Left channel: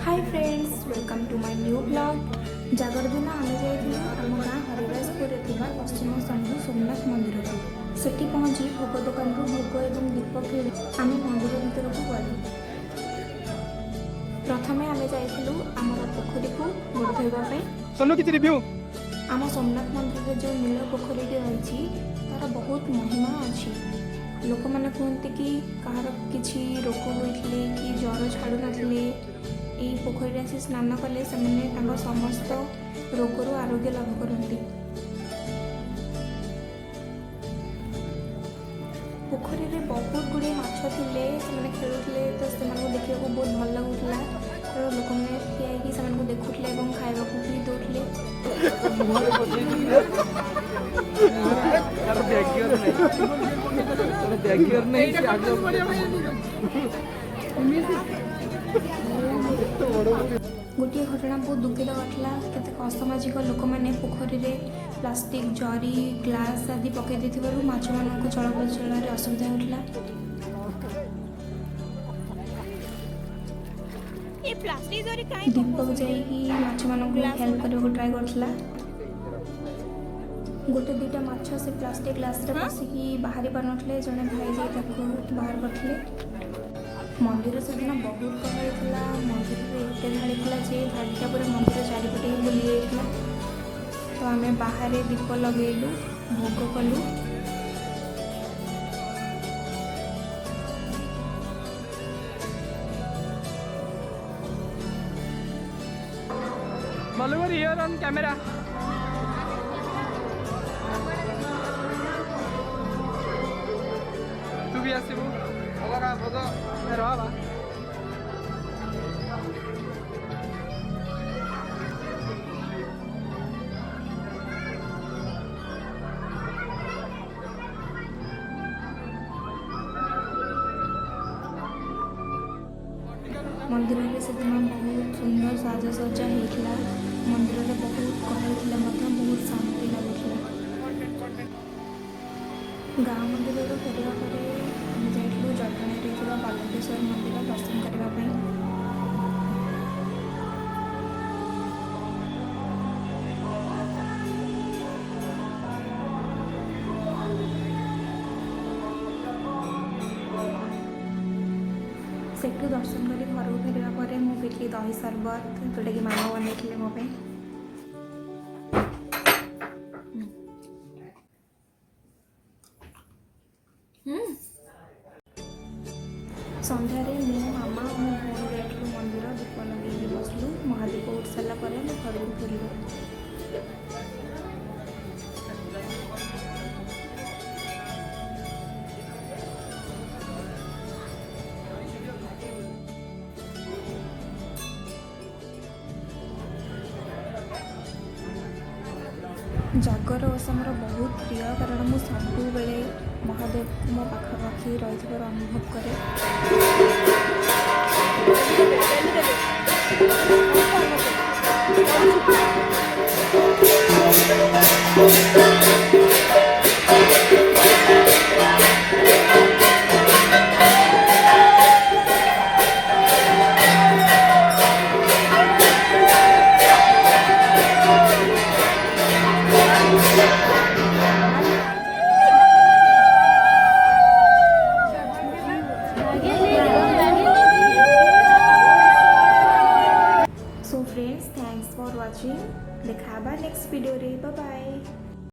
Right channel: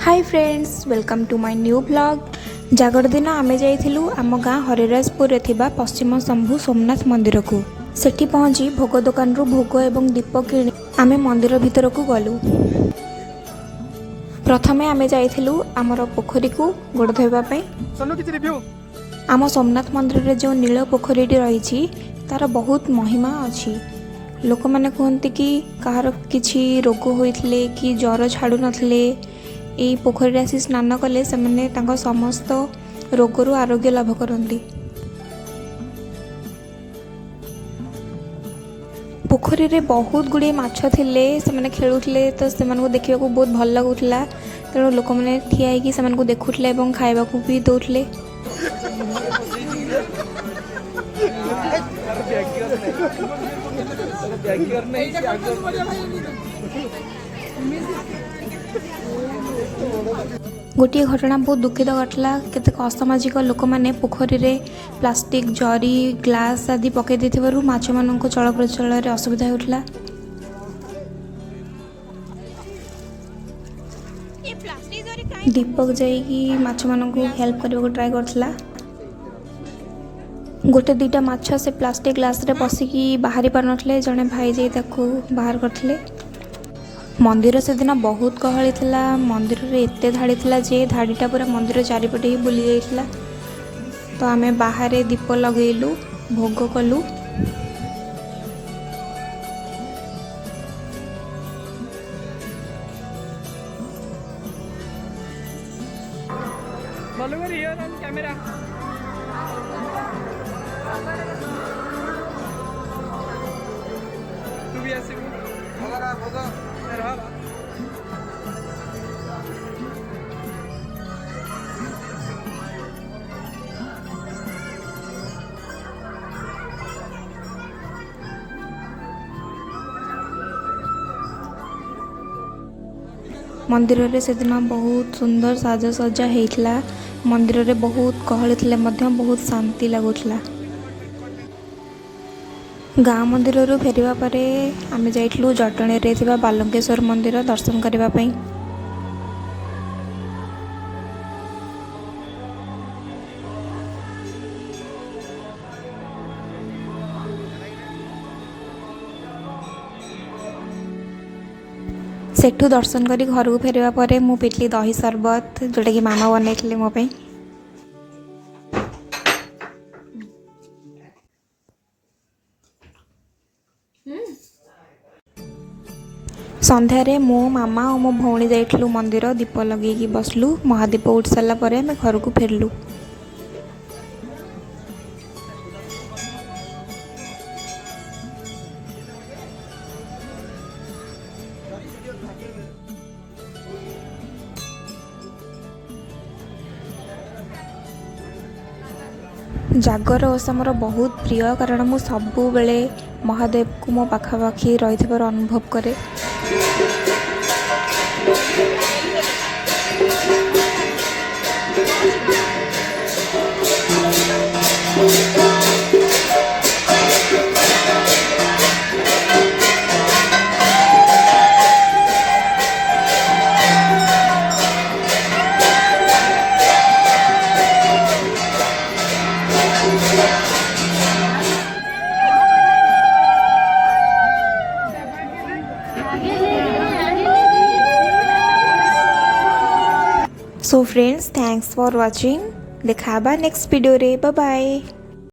Hi friends, welcome to my new blog. जागर दिन आमे जाइथिलु आम गाँ हरिराजपुर रे थिबा पश्चिम शंभु सोमनाथ मंदिर को। सेठी पहुँची भोग दुकान रु भोग एवं दीप किणी आमे मंदिर भितर को गलु। प्रथमे आमे जाइथिलु आमर पोखरी को गोड़ धोइबा पई। आम सोमनाथ मंदिर रे जो नील पोखरीटी रही तार बहुत महिमा अच्छी। लोक मैंने कहते कि कहार किछि रोग होइथिले कि ज्वर छाड़ू नथिले एई पोखरी आसी स्नान कले से मैंने तांको समस्त रोगरू आरोग्य लाभ करती। पोखरी रे बहुत गुड़े माछ थिले, से मैंने खेलुथिले तो से मानको देखिबा को बहुत भल लागुथिला। तेणु लोक मैंने ठिया होइकि से मानको देखुथिले एवं खाइबा को भी दउथिले। गोटे घटना बहुत दुखित घटला। केतेक असामाजिक लोक मैंने पोखरी रे प्लास्टिक जरी ग्लास आदि पकई देथिबारु माछ मानक चल प्रचल रे असुविधा होउथला। दीपक जाइकी माछ मानक हेल्प करबा ट्राई करथला। गोटे दुईटा माछ से प्लास्टिक ग्लास रे पसिकी बाहरी पार नथले, जने भाई जाई ताकू बाहर करथले। मंदिर से दिन बहुत गहली थिला। मंदिर रे एते धाड़ी थिला जे धाड़ीटा पूरा मंदिर चारिपटे ही बुली जाइथिला। तो आमे बाहर दीप लगेलु, भोग कलु। कैमरा तू भी आसिबु भगरा भग रहबा। मंदिर रे से दिन बहुत सुंदर साजसज्जा होइथिला। मंदिर रे बहुत गहली थिले मध्य बहुत शांति लागुथिला। गाँ मंदिर रु फेरिबा परे आमे जाइथिलु जटणी रे थिबा बालंकेश्वर मंदिर दर्शन करबा पई। सेठू दर्शन करी घर को फेरिबा परे मु पिटली दही सरबत जोटा कि मामा बनैथिले मो पई। संध्यारे मो मामा और मो भौणी जाइथिलु मंदिर दीप लगेकी बसलु। महादीप उठ सारा परे आमे घर को फेरलु। जागर ओषा मोर बहुत प्रिय, कारण मु सबु बेले महादेव को मो पाखापाखि रही अनुभव करे। So friends, thanks for watching. देखा नेक्स्ट वीडियो रे। Bye bye.